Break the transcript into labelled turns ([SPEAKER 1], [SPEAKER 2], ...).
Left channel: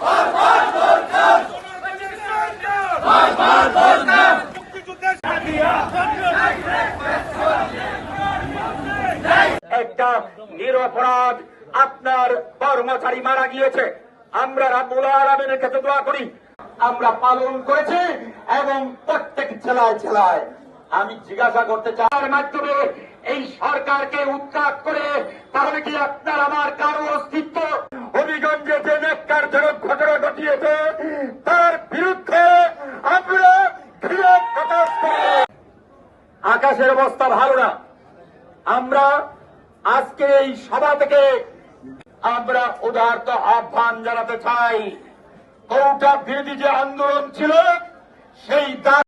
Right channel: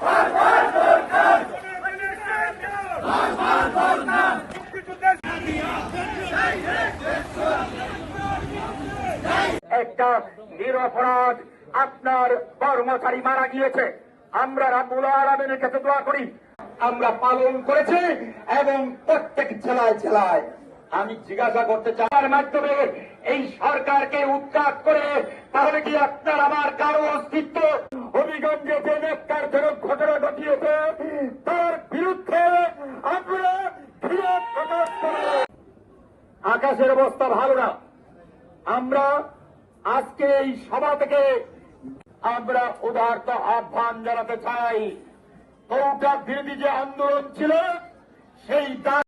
[SPEAKER 1] Barbar Gorkar! Barbar Gorkar! নিরপরাধ আপনার কর্মচারী মারা গিয়েছে। আমরা রাবুল আলমের দোয়া করি। আমরা পালন করেছি এবং প্রত্যেক জেলায় জেলায়। আমি জিজ্ঞাসা করতে চাই মাধ্যমে এই সরকারকে উৎখাত করে তাহলে কি আপনার আমার কারও অস্তিত্ব? হবিগঞ্জে যে নেককারজনক ঘটনা ঘটিয়েছে তার বিরুদ্ধে আমরা আকাশের অবস্থা ভালো না। আমরা আজকে এই সভা থেকে আমরা উদার্ত আহ্বান জানাতে চাই। কৌটা বিরোধী যে আন্দোলন ছিল, সেই